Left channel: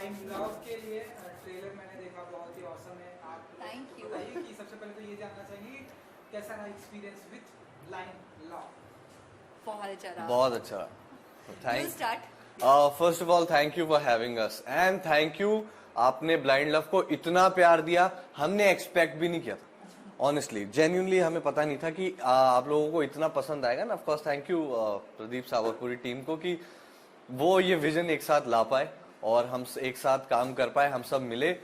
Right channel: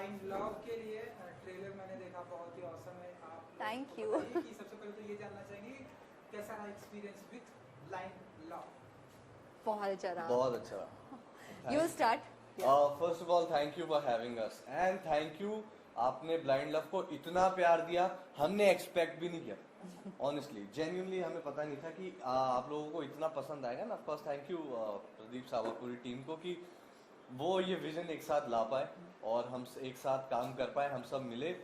Blind love के लिए trailer मैंने देखा, बहुत ही ऑसम है। आप Thank you. बताइए कि सबसे पहले तो ये जानना चाहेंगे कि कैसा रहा एक्सपीरियंस विद ब्लाइंड लव। बहुत अच्छा रहा। बहुत अच्छा। You start. First of all thank you for having us and thank you, आपने ब्लाइंड लव को इतना प्यार दिया, हमने एक्सपेक्ट भी नहीं किया था। ऑनेस्टली जेन्युइनली हमें पता नहीं था कि आप लोगों को इतना पसंद आएगा ना। Of course thank you Pradeep सावत पूरी टीम को कि वो ये विजन एक साथ ला पाए और हम एक साथ काम कर पाए, हम सब मिले।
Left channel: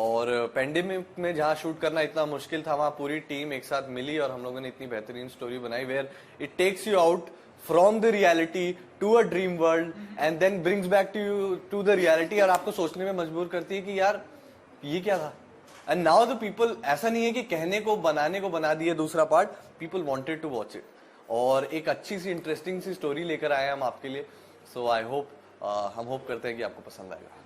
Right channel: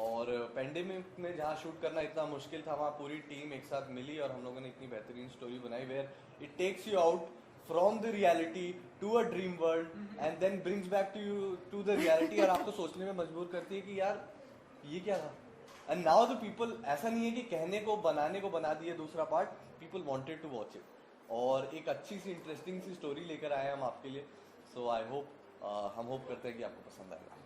और पेंडेमिक में जहाँ शूट करना इतना मुश्किल था, वहाँ पूरी टीम एक साथ मिली और हम लोगों ने इतनी बेहतरीन स्टोरी बनाई where it takes you out from the reality to a dream world and then brings back to you to the reality, और आपको सोचने में मजबूर करती है कि यार ये क्या था। एंड नाउ द पीपल, ऐसा नहीं है कि कहने को बनाने को बना दिए दूसरा part, people wanted to watch it और एक अच्छी सी इंटरेस्टिंग सी स्टोरी लेकर आए हम आपके लिए। सो आई होप, हम होप करते हैं कि आपको पसंद आएगा।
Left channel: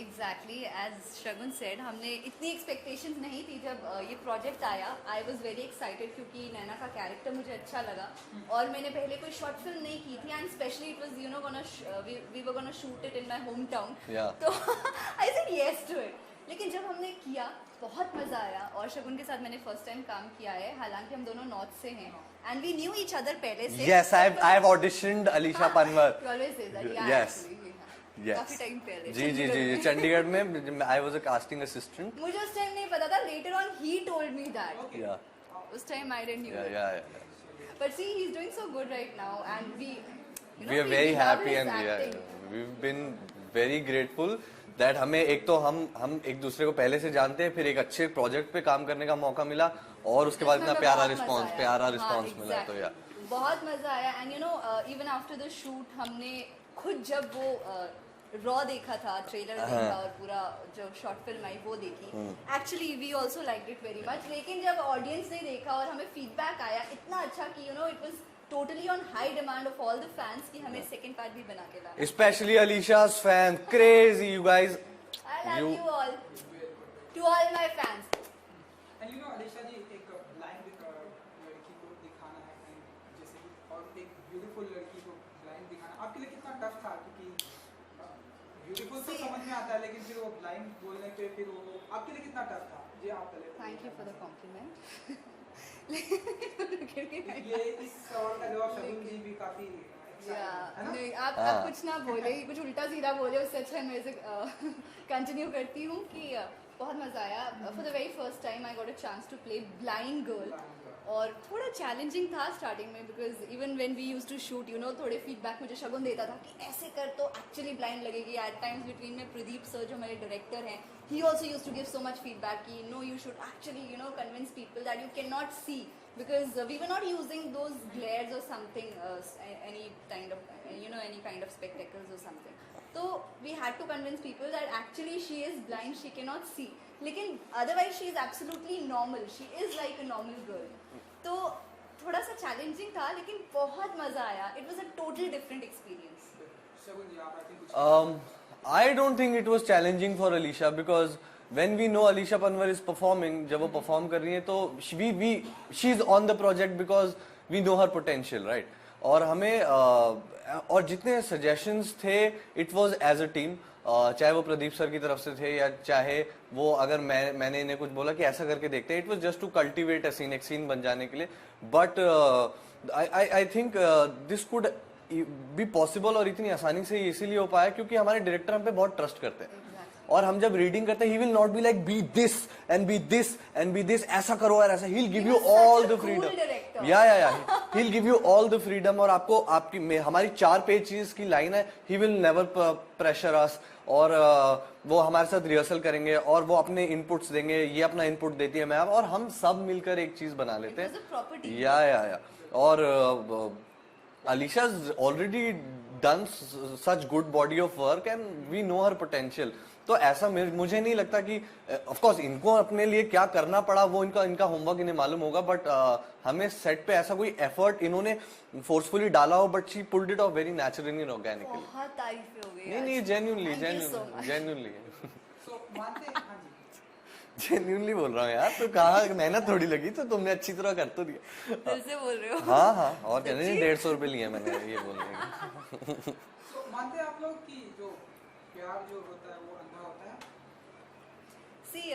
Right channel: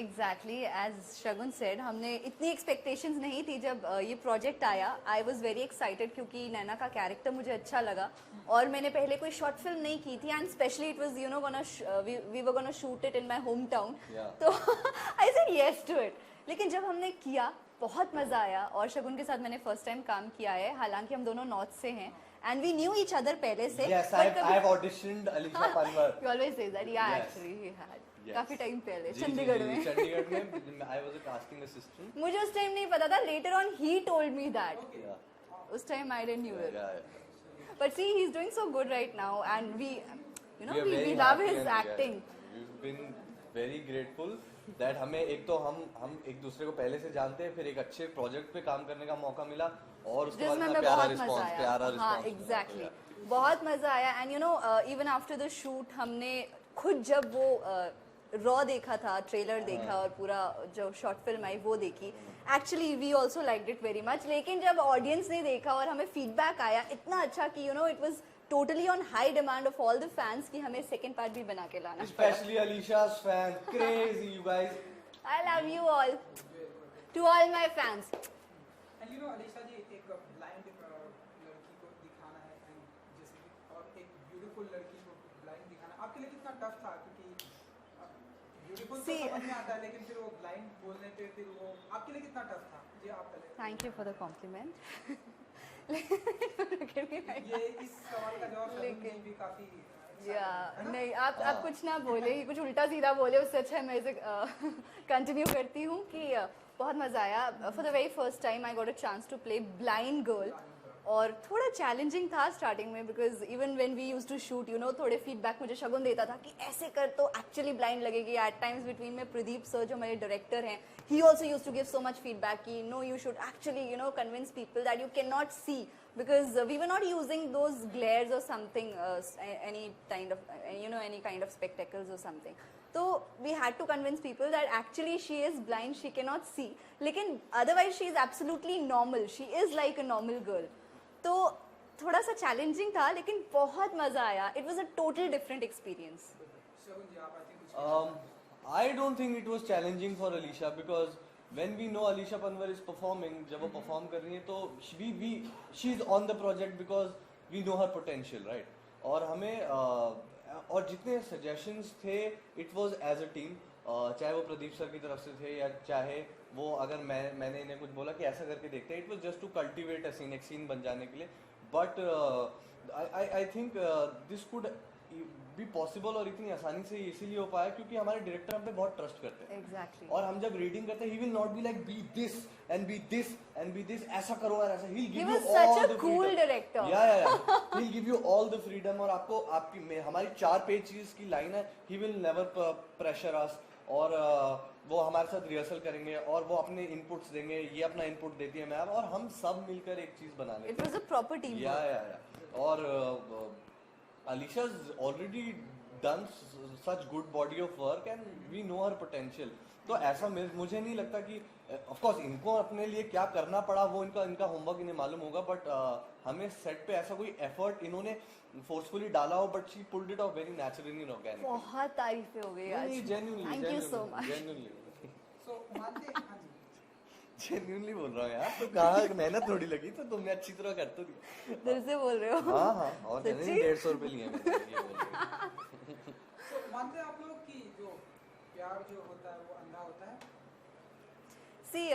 Exactly, as Shagun said, हमने इतनी एक्सपेक्टेशंस नहीं थी जब ये प्रोजेक्ट आया। आई वॉज वेरी एक्साइटेड क्योंकि नैना का कैरेक्टर मुझे अच्छा लगा और मैंने पहले कोई शॉर्ट फिल्म नहीं की थी and specially it was you know we were gonna shoot it in my hometown, तो I said yes to it. लेकिन जब हमने किया बहुत मज़ा आया और शगुन के साथ मैंने फर्स्ट टाइम काम किया है, हालांकि हम दोनों नॉर्थ से हैं and we knew each other पहले से। Yes, I've auditioned Alisha Panwar. You always say that, yeah, Yes. actually we had. Yes. काफी टाइम पहले जी जी जी जी, चंडीगढ़ में I was a casting assistant. मुझे उस टाइम नहीं पता था, later on he told me that. या उस time I didn't knew yeah but see he is doing so good right now and we we are very happy and we have been very grateful that हमें एक तो हम एक दूसरे को पहले से जानते हैं, फिर एक अच्छे प्रोजेक्ट पे काम करने का मौका मिला और उसके बाद इतना प्यारा रिस्पांस मिला। तो या बहुत मजा आया and you no even after the shoot हमने खुद जब वो रॉ देखा था, ट्रेलर देखा और पूरा जो शॉर्ट फिल्म आई वो देखी, actually we also liked it very much. लेकिन जब ऑडियंस ने देखा और हमें फीडबैक आया इतना अच्छा कि you know it was totally on high demand of all the fans कि हमें सेकंड पार्ट भी बना के लाना। Specially Alisha's fan, crazy you guys. I love you all, to all my fans. And you know Alisha ji, एक ब्लाइंड लड़की को दिखाना है कि जैसे कि, और एक ब्यूटीफुल लड़की को ब्लाइंड दिखाना आपके लिए कितना टफ था? क्योंकि ब्यूटीफुल तो समझ में आता है लेकिन फिर वो ब्लाइंड बोलने पे फिर वो आपके लिए कितना टफ था? जी आप पहले thank you for the compliment. ये इस सवाल का जवाब शगुन जी भी काफी नहीं आप कुछ ना बोले, कुछ उल्टा सीधा बोले, उससे अच्छा मैं इसे कंटिन्यू करती हूँ कि बहुत मज़ा आया। For the very first time I got a chance to play blind girl और थोड़ा चैलेंजिंग था स्टार्टिंग में because even when we used to shoot you know थोड़े फीडबैक मुझे शगुन देता था कि ऐसे कर तो एक्चुअली ब्लाइंड लगेगी। एट टाइम्स बिटवीन में प्रदीप सर जो मेरे डायरेक्टर हैं, he also use to give so much feedback कि no you should actually you know convince people that you can not see because we were not using those glares or something, any kind of spectacles or something. So we had to convince people that actually she is blind, she cannot see. लेकिन otherwise she is absolutely normal. She is like a normal girl. तो थोड़ा सा challenging था लेकिन बहुत मजा आया. It was a total different experience. शगुन जी आप I think I don't think it was challenging for Alisha because when we know Alisha Panwar is performing, जब वो perform कर रही है तो she's on the project because we know her potential, right? और हमें और जितने suggestions थे it was as a team, चाहे वो प्रदीप सर की तरफ से थे या चाहे वो अगर मैंने इन्हें कुछ बोला कि ऐसा करके देखते हैं, it was just to cultivate a scene, एक scene बन जाने के लिए। But I think this could भी पॉसिबल और इतनी आसानी से इसीलिए हो पाया क्योंकि हमारे डायरेक्टर हम पे बहुत ट्रस्ट करते हैं। Exactly. और हम जब रीडिंग करते हैं he will not be like be this and be this and be this, ऐसा करो यार ऐसा, he will give you all the freedom. या he will give you all the freedom और आपको आपकी हमारी 4 पेजेस की लाइन है, he will never pressure us और वो हमारे साथ रिहर्सल करेंगे और वो अपने इनपुट्स देंगे, ये अपना इनपुट देती है मैम और हम सब मिलकर एक चीज बना लेते हैं। या और Alisha's already done such good body of work and we know her potential. तो ऐसा मुझे नहीं लगता कि of course इनको अपने लिए क्या करना पड़ा वो इनका होमवर्क इन्हें मालूम होगा, बट हमें सेट पे ऐसा कोई एफर्ट इन्होंने फोर्सफुली डाला हो, but she pulled it of very naturally and organically. बहुत तारीफ हो गई। नहीं जेन्युइनली सो मानते हैं। हाँ जी जेन्युइनली बोल रहा हूँ यार, तो कहा मेहनत थोड़ी लगी तो तुमने अच्छी तरह कर तो दिया। दिल से बोल रहे हो? हाँ और कहते हैं 150 रुपए लिए मैंने, ये बोल रहे हैं। मानते हैं आप लोग कि जो प्यार जो होता है वो अंधा होता है? See,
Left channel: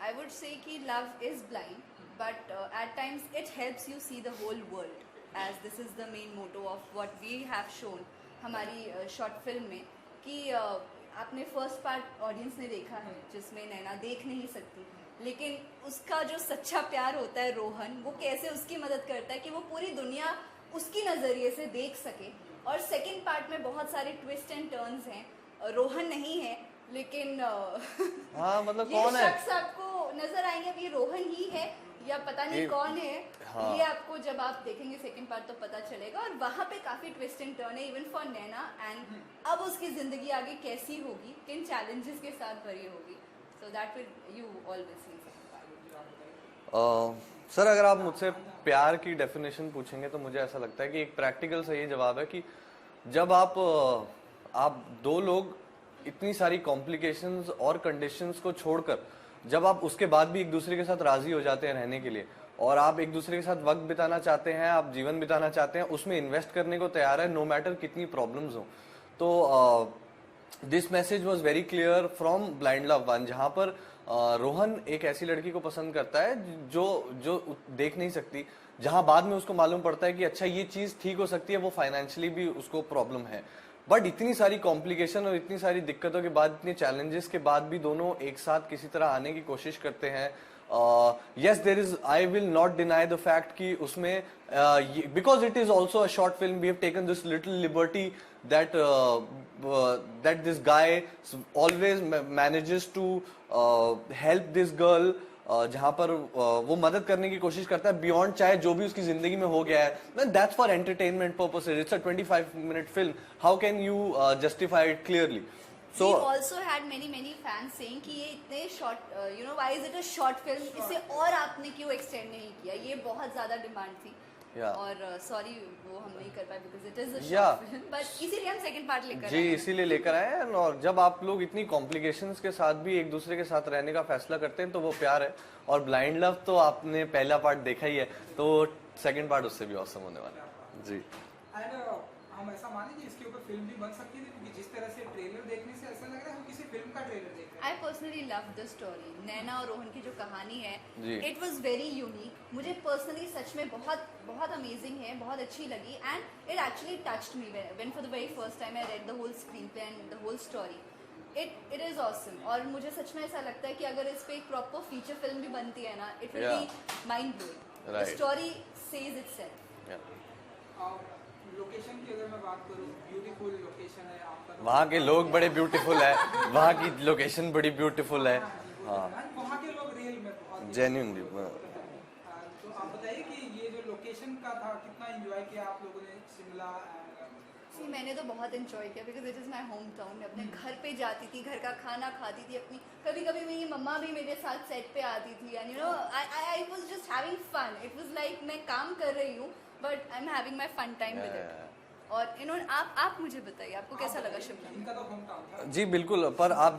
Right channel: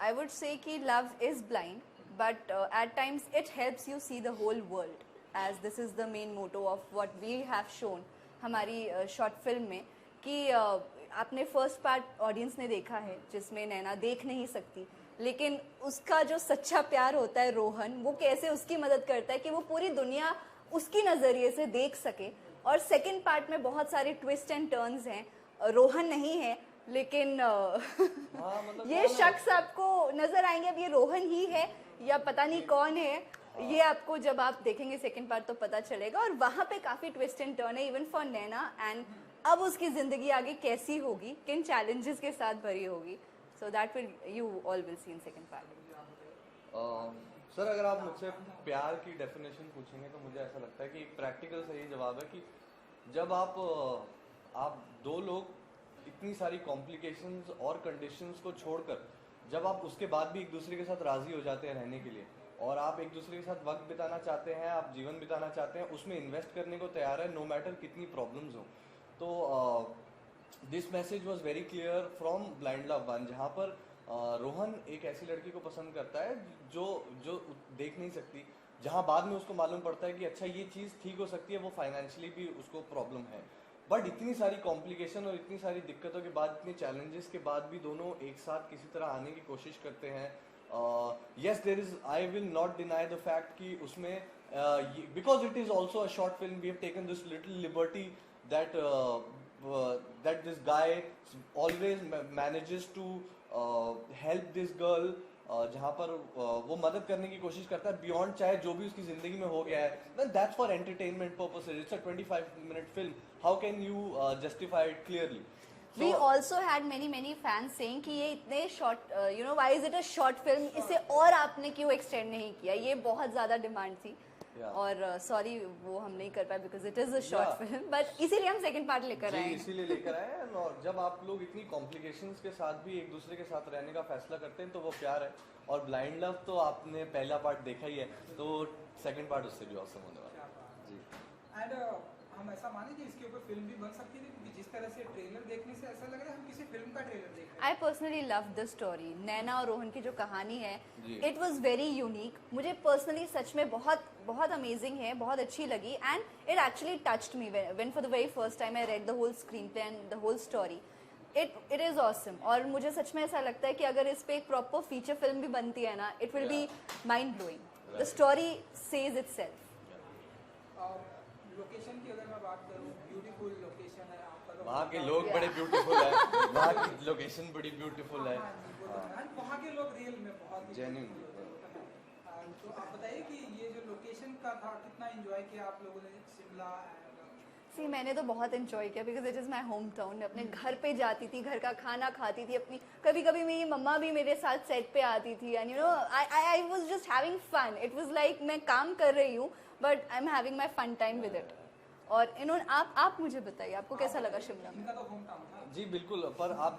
I would say कि love is blind, but at times it helps you see the whole world, as this is the main motto of what we have shown हमारी शॉर्ट फिल्म में कि आपने फर्स्ट पार्ट ऑडियंस ने देखा है जिसमें नैना देख नहीं सकती, लेकिन उसका जो सच्चा प्यार होता है रोहन, वो कैसे उसकी मदद करता है कि वो पूरी दुनिया उसकी नज़रिए से देख सके। और सेकंड पार्ट में बहुत सारे ट्विस्ट एंड टर्न्स हैं, रोहन नहीं है लेकिन हाँ, मतलब ये कौन है? शख्स आपको नजर आएंगे, अब ये रोहन ही है या पता नहीं कौन है। हाँ। ये आपको जब आप देखेंगे सेकंड पार्ट तो पता चलेगा। और वहाँ पे काफी ट्विस्ट एंड टर्न है इवन फॉर नैना, एंड अब उसकी जिंदगी आगे कैसी होगी, किन चैलेंजेस के साथ भरी होगी, so that will you all will see in second part. Sir अगर आप मुझसे प्यार की डेफिनेशन पूछेंगे तो मुझे ऐसा लगता है कि एक प्रैक्टिकल सही जवाब है कि जब आप दो लोग इतनी सारी कॉम्प्लिकेशंस और कंडीशंस को छोड़कर जब आप उसके बाद भी एक दूसरे के साथ राजी हो जाते हैं रहने के लिए, और आप एक दूसरे के साथ वक्त बिताना चाहते हैं, आप जीवन बिताना चाहते हैं, उसमें इन्वेस्ट करने को तैयार है नो मैटर कितनी प्रॉब्लम्स हो। तो this message was very clear from blind love 1, जहाँ पर रोहन एक ऐसी लड़की को पसंद करता है जो देख नहीं सकती, जहां बाद में उसको मालूम पड़ता है कि अच्छा ये चीज ठीक हो सकती है, वो फाइनेंशियली भी उसको प्रॉब्लम है, बट इतनी सारी कॉम्प्लिकेशन और इतनी सारी दिक्कतों के बाद, इतने चैलेंजेस के बाद भी दोनों एक साथ किसी तरह आने की कोशिश करते हैं। yes there is, I will not deny the fact कि उसमें because it is also a short film, we have taken this little liberty that that this guy always manages to help this girl, जहाँ पर वो मदद करने की कोशिश करता है बियॉन्ड चाहे जो भी उसकी जिंदगी में हो गया है, then that's for entertainment purposes, it's a 25-minute film, how can you justify it clearly? We also had many fans saying कि ये इतने short, you know, why is it a short film? इसे और आपने क्यों extend नहीं किया? ये बहुत ज़्यादा डिमांड थी। और सॉरी वो हम नहीं कर पाए because it is a short film, but इसीलिए हम second part लेकर आए। जी इसीलिए लेकर आए हैं। और जब आप लोग इतनी कॉम्प्लिकेशंस के साथ भी एक दूसरे के साथ रहने का फैसला करते हैं तो वो प्यार है। और ब्लाइंड लव तो आपने पहला पार्ट देखा ही है, तो सेकंड पार्ट उससे भी औसम होने वाला है। जी एंड हम ऐसा माने कि इसके ऊपर फिल्म भी बन सकती है, क्योंकि जिस तरह से ट्रेलर देखने से ऐसा लग रहा है हम किसी फिल्म का ट्रेलर देख रहे हैं। I personally love the story. नैना और रोहन की जो कहानी है, it was very unique. मुझे personally सच में बहुत amazing है, बहुत अच्छी लगी, and it actually touched me when for the very first time I read the whole screenplay and the whole story. It is awesome. और मुझे सच में ऐसा लगता है कि अगर इस पे एक proper feature film भी बनती है ना, it will be mind blowing. The story says itself. Location की अगर मैं बात करूं, ब्यूटीफुल लोकेशन है आपका, तो वहाँ के लोग बड़े ब्यूटीफुल हैं, वहाँ की लोकेशन बड़ी ब्यूटीफुल है, वहाँ के लोग रियल में बहुत जेन्युइनली। तो आप बताइए कि ये जो लोकेशन का था कितना एंजॉय किया आप लोगों ने शिमला? See, मैंने तो बहुत एंजॉय किया because it is my home town. मैं अपने घर पे जाती थी, घर का खाना खाती थी अपनी, कभी कभी मेरी मम्मा भी मेरे साथ सेट पे आती थी, and you know I was just having fun. It was like मैं काम कर रही हूँ but I am having my fun time with it. और यू नो आप मुझे बताइए आपको कैसा लगा शिमला? इनका तो होम टाउन था। जी बिल्कुल, पर आप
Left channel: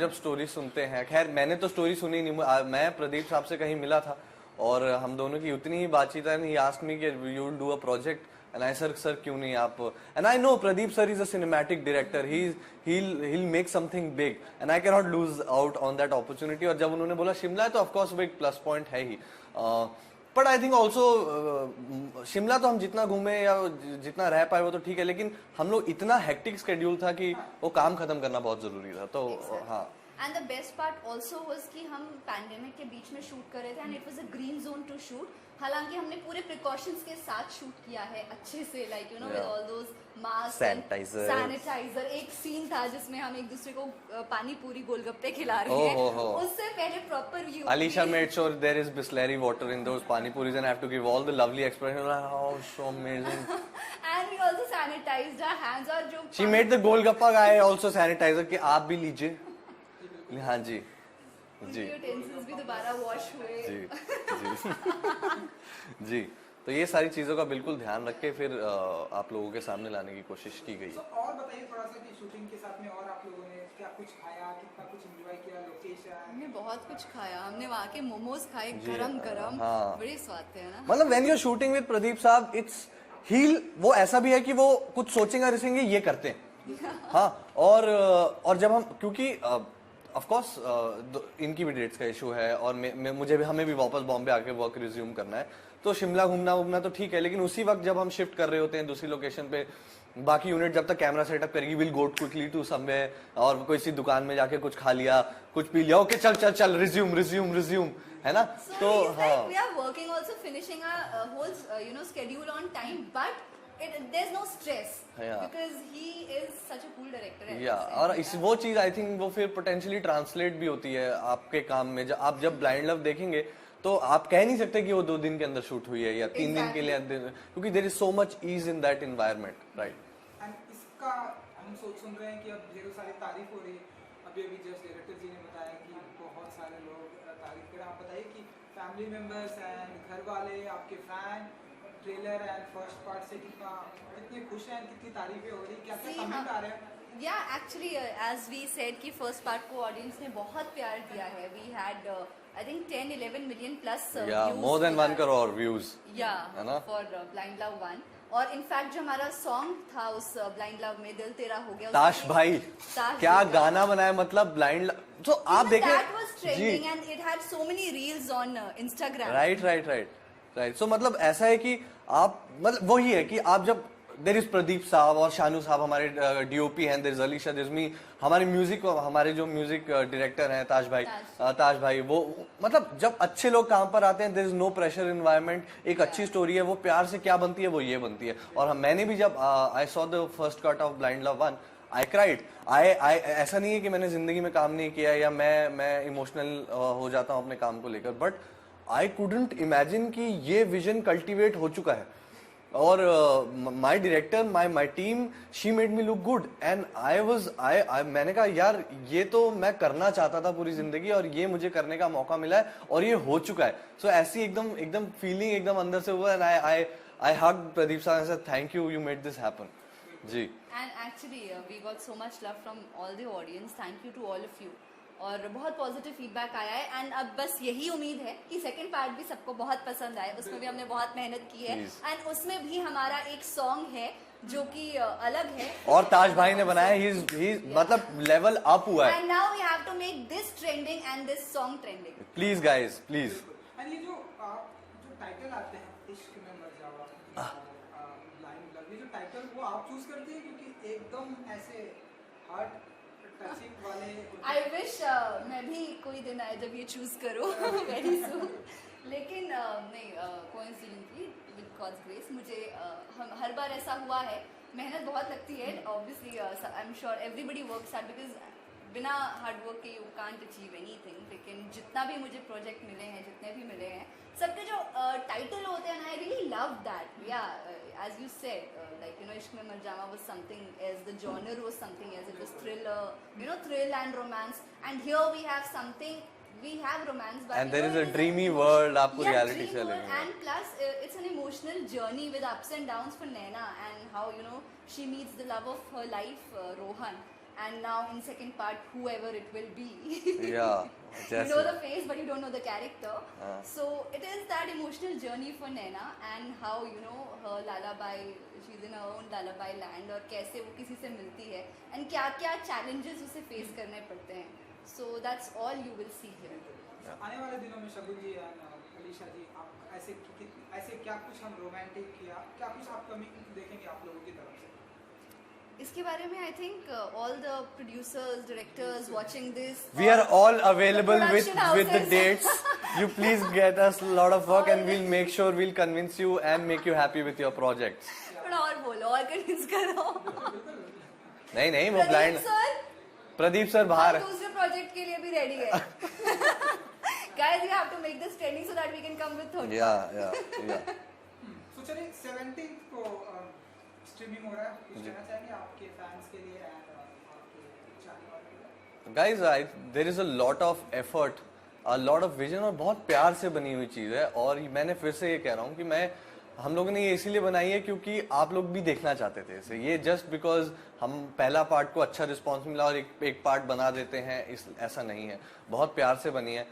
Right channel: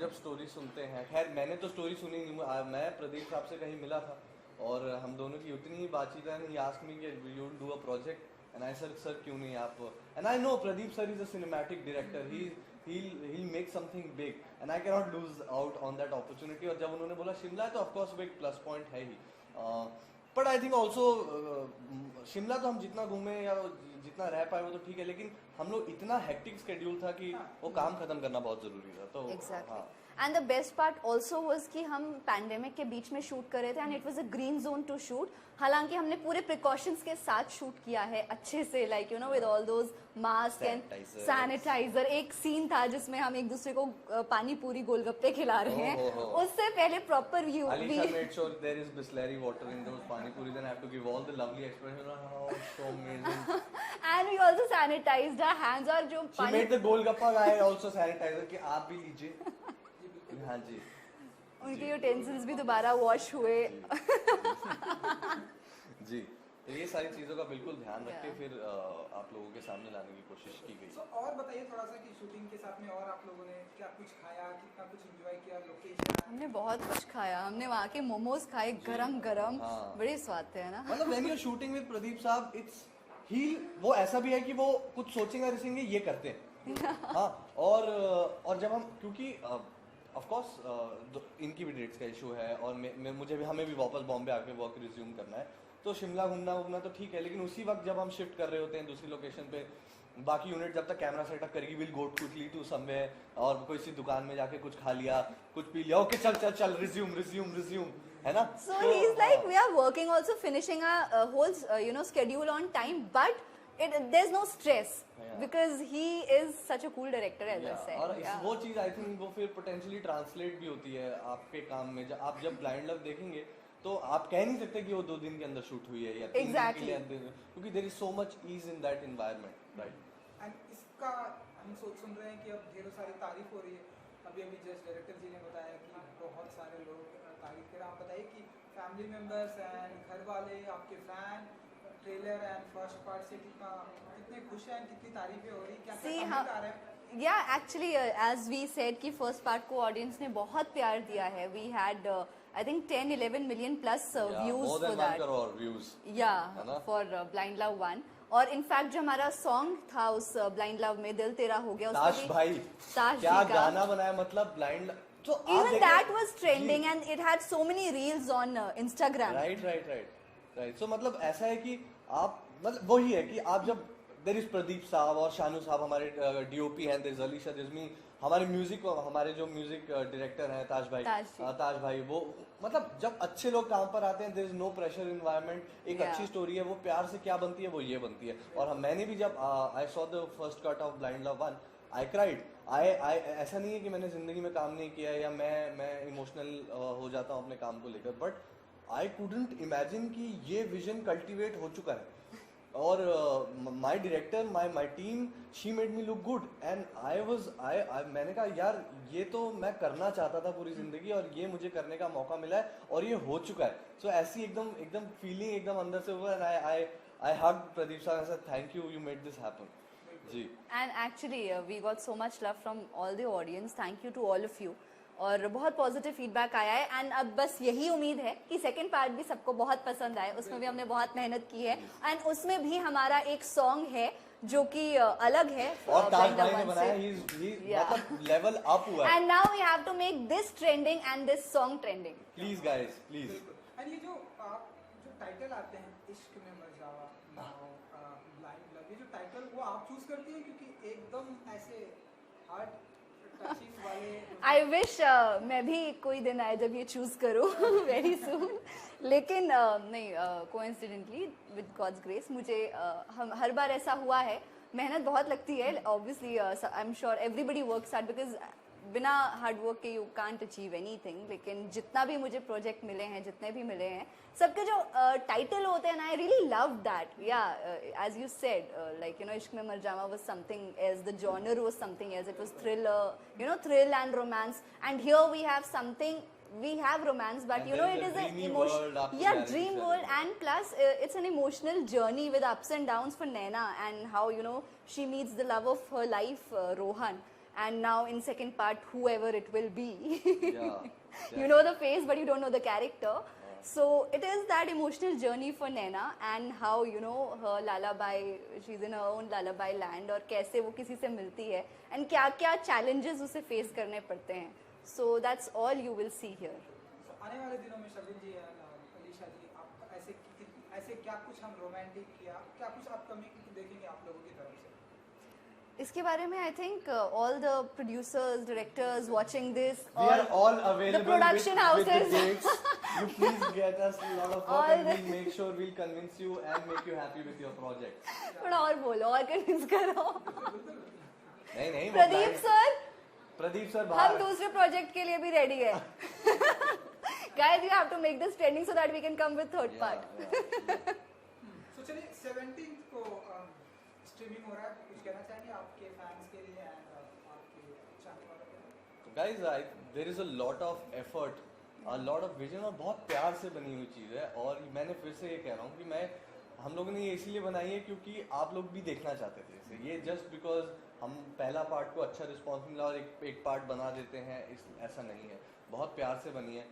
जब स्टोरी सुनते हैं, खैर मैंने तो स्टोरी सुनी नहीं, मैं प्रदीप साहब से कहीं मिला था और हम दोनों की उतनी ही बातचीत है, ही आस्क्ड मी कि you will do a project, and I sir क्यों नहीं आप, and I know Pradeep sir is a cinematic director, he'll make something big and I cannot lose out on that opportunity। और जब उन्होंने बोला शिमला है तो ऑफ कोर्स वो एक प्लस पॉइंट है ही, but I think also Shimla तो हम जितना घूमे या जितना रह पाए वो तो ठीक है, लेकिन हम लोग इतना हेक्टिक स्केड्यूल था कि वो काम खत्म करना बहुत जरूरी था, तो हाँ। And the best part also was कि हम पैंडेमिक के बीच में शूट कर रहे थे, and it was a green zone to shoot. हालांकि हमने पूरे प्रिकॉशंस के साथ शूट किया है अच्छे से, like you know with all those mask and sanitiser. एक सीन था जिसमें हम एक दूसरे को पानी पूरी गोलगप्पे खिला रहे हैं, उससे पहले proper view. Alisha made sure there is Bisleri water in those pani puris and I have to give all the lovely expression, oh so amazing, and we also sanitized our hands। और जो she made the golgappa guy also sanitizer कि आप भी लीजिए। हाँ जी उनके utensils भी दोबारा वॉश हुए। जी तो ये सारी चीज़ों का बिल्कुल ध्यान रख के फिर आप लोगों के सामने लाने की कोशिश की गई। और बताइए थोड़ा सा कि शूटिंग के साथ में और आप लोगों ने क्या कुछ खाया, कितना कुछ एंजॉय किया, लोकेशन? हमने बहुत कुछ खाया, हमने वहाँ के मोमोज खाए गरम बड़े स्वाद थे ना। मतलब when you are shooting with Pradeep साहब, वो ऐसा भी है कि वो कुछ सोचेंगे रिसेंगे ये करते हैं, हाँ, और जब हम, क्योंकि ऑफ कोर्स इनकी भी डेट्स का इशू है और मुझे भी, हमें भी वापस बॉम्बे आके वर्क रिज्यूम करना है, तो शिमला घूमना तो ठीक है, लेकिन उसी वक्त जब हम शिफ्ट कर रहे होते हैं दूसरी लोकेशन पे, बाकी यूनिट जब तक कैमरा सेटअप करेगी, will go quickly to somewhere और कोई सी दुकान में जाके कुछ खा लिया, कुछ पी लिया, ओके चल रिज्यूम, है ना? So it's like we are working also, finishing a whole schedule on time, but there's no stress because he is such a cool director. और वो चीज आई थिंक वो फिर पोटेंशियली ट्रांसलेट भी होती है आपके काम में। आप जब ब्लाइंड लव देखेंगे तो आप कह नहीं सकते कि वो 2 दिन के अंदर शूट हुई है या 3 दिन के लिए, क्योंकि there is so much ease in that environment, right? And इसका हम सुन रहे हैं कि अब ढेरों सारी तारीफ हो रही है, अभी जस्ट डायरेक्टर जी ने बताया कि बहुत सारे लोग तारीफ कर रहे हैं। आप बताइए कि फैमिली मेंबर्स एंड घर वाले, आपके fan, trailer and first part से कितने खुश हैं, कितनी तारीफें हो रही, क्या क्या कमेंट आ रहे हैं? Yeah, actually, as we said कि first part को audience ने बहुत प्यार दिया है. We had I think 10-11 million plus views. more than 1 crore views. Yeah, for Blind Love 1. और इनफैक्ट जो हमारा सॉन्ग था उस ब्लाइंड लव में, दिल तेरा हो गया, ताश भाई क्या गाना बनाया, मतलब ब्लाइंड लव, तो आप देखें that was trending and it had so many reels on Instagram. Right. So मतलब ऐसा है कि आप, मतलब वही है कि आप जब, देयर इज प्रदीप साहब और शानू साहब हमारे डीओपी हैं, देयर इज अलीशा जिस्मी, हमारे जो म्यूजिक डायरेक्टर हैं ताज भाई, वो मतलब जब अच्छे लोग काम पर आते हैं, there is no pressure environment, एक अच्छी स्टोरी है, वो प्यार से क्या बनती है वो ये बनती है। और मैंने भी जब I saw the first cut off blind love 1, I cried. ऐसा नहीं है कि मैंने जिंदगी में काम नहीं किया या मैं इमोशनल हो जाता हूँ अपने काम को लेकर, बट आई कुडंट इमेजिन कि ये विजन कल्टिवेट हो चुका है। और my director, my team, she made me look good and मैंने कहा यार ये तो मैं करना चाहता था पूरी जिंदगी और ये मुझे करने का मौका मिला है और ये हो चुका है। सो ऐसी एकदम फीलिंग एकदम अंदर से हुआ, एंड आई हग प्रदीप साहब से, thank you made this happen जी। And actually we got so much love from all the audience, thank you to all of you, और बहुत पॉजिटिव फीडबैक आया है। एंड अब बस यही उम्मीद है कि सेकंड पार्ट भी सबको बहुत पसंद आए, उसमें भी हमने बहुत मेहनत की है एंड उसमें भी हमारा एक सॉन्ग है जो कि अलग है और ताज भाई ने बनाया, मतलब लेवल अप हुआ है। And now we have to make this trending and this song trending, please guys please. And ये जो टाइटल आते हैं, इश्क में मर जावा, ब्लाइंड लव, ये जो टाइटल वो आप चूज करते हैं क्योंकि एकदम ऐसे हार्ट टचिंग वाले? आई विश मैं भी कोई दिन आए जब ये चूज करूँ वेरी सून, लेकिन नहीं, कोइंसिडेंटली विद गॉड्स ग्रेस मुझे हम हर बार ऐसा हुआ है। मेहनत बहुत लगती है obviously, I am sure everybody works hard, because बिना हार्ड वर्क के यू कांट अचीव एनीथिंग। लेकिन जितना भी मुझे प्रोजेक्ट मिले हैं, जितने भी मिले हैं, सबके जो टाइटल होते हैं, आई रियली लव दैट। या एज यू सेड, like इश्क में मर जावा was something as the genre was something as it was thriller, thrill and romance, and here we have something, we have romance, but and there is a dreamy world, आपको reality dream world, and plus it's an emotional journey with ups and downs for Naina, and how she meets the love of her life, Rohan, and now in second part whoever it will be. Yeah. You know the face but you don't know the character. So it is that emotional journey for Naina, and how her lullaby, she's in her own lullaby land, और कैसे वो किसी से मिलती है and क्या क्या challenges उसे face करने पड़ते हैं. So that's all you will see here. आने वाले दिनों में शगुन जी और अलीशा जी, आप ऐसे क्या कुछ हम रोमांटिक या क्या कुछ अपकमिंग देखेंगे आप लोगों की तरफ से? इसके बारे में I think all the producers, directors watching this, we are all available with the dates. You please get us a lot of work and we'll make sure we'll convince you and make you happy with your projects. थोड़ा और बोलो और convince करो। नहीं वो blind Pradeep sir बाहर, हम दूसरे प्रोजेक्ट के लिए भी रेडी है। Guys, we have to make this trending so that we can come with third part. Yeah. So चलिए 17th को स्ट्रीमिंग हो रहा है, कुछ कहना चाहेंगे आपके फैंस के लिए एंड आपके चाहने वालों के लिए? Guys, there is a lot of effort, a lot of vision, और बहुत प्यार से बनी हुई चीज़ है। और मैंने फिर से ये कह रहा हूँ कि हम लोगों ने ये इसीलिए बनाई है क्योंकि आप लोग भी देखना चाहते थे इसे। ये जस्ट बिकॉज हम पहला पार्ट को अच्छा रिस्पॉन्स मिला और एक पार्ट बना देते हैं, ऐसा नहीं है। बहुत प्यार से बनी है।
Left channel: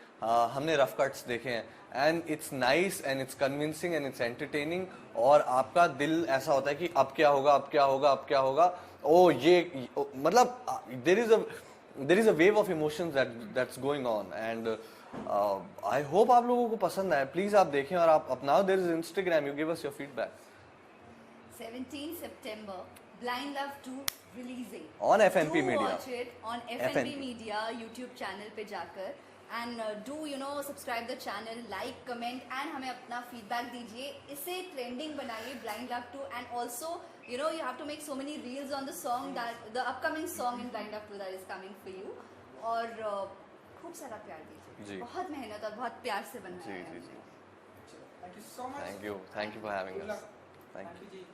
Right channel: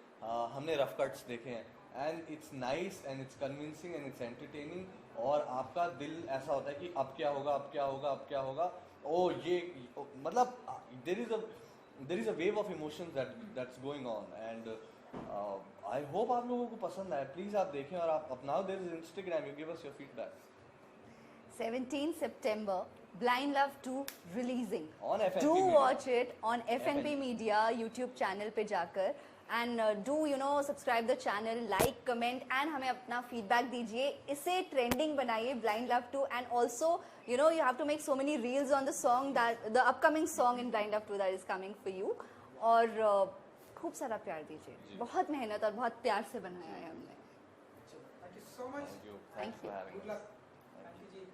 हमने रफ कट्स देखे हैं and it's nice and it's convincing and it's entertaining, और आपका दिल ऐसा होता है कि अब क्या होगा। ओ ये मतलब there is a wave of emotions that's going on and I hope आप लोगों को पसंद आए. प्लीज आप देखें और आप अपनाओ. there is Instagram, you give us your feedback. 17 September, Blind Love 2 releasing. On FNP do Media. watch it on FNP FNP. Media YouTube channel पे जाकर and do subscribe the channel, like, comment and हमें अपना feedback दीजिए. इसे trending बनाइए Blind Love 2 and also you have to make so many reels on the song that the upcoming song in Blind Love 2 that is coming for you. और खूब सारा प्यार दीजिए. जी. बहुत मेहनत और बहुत प्यार से बनाया जी, है जी, हमने. Thank you so much. Thank you for having Good us. luck. Thank you. Ji.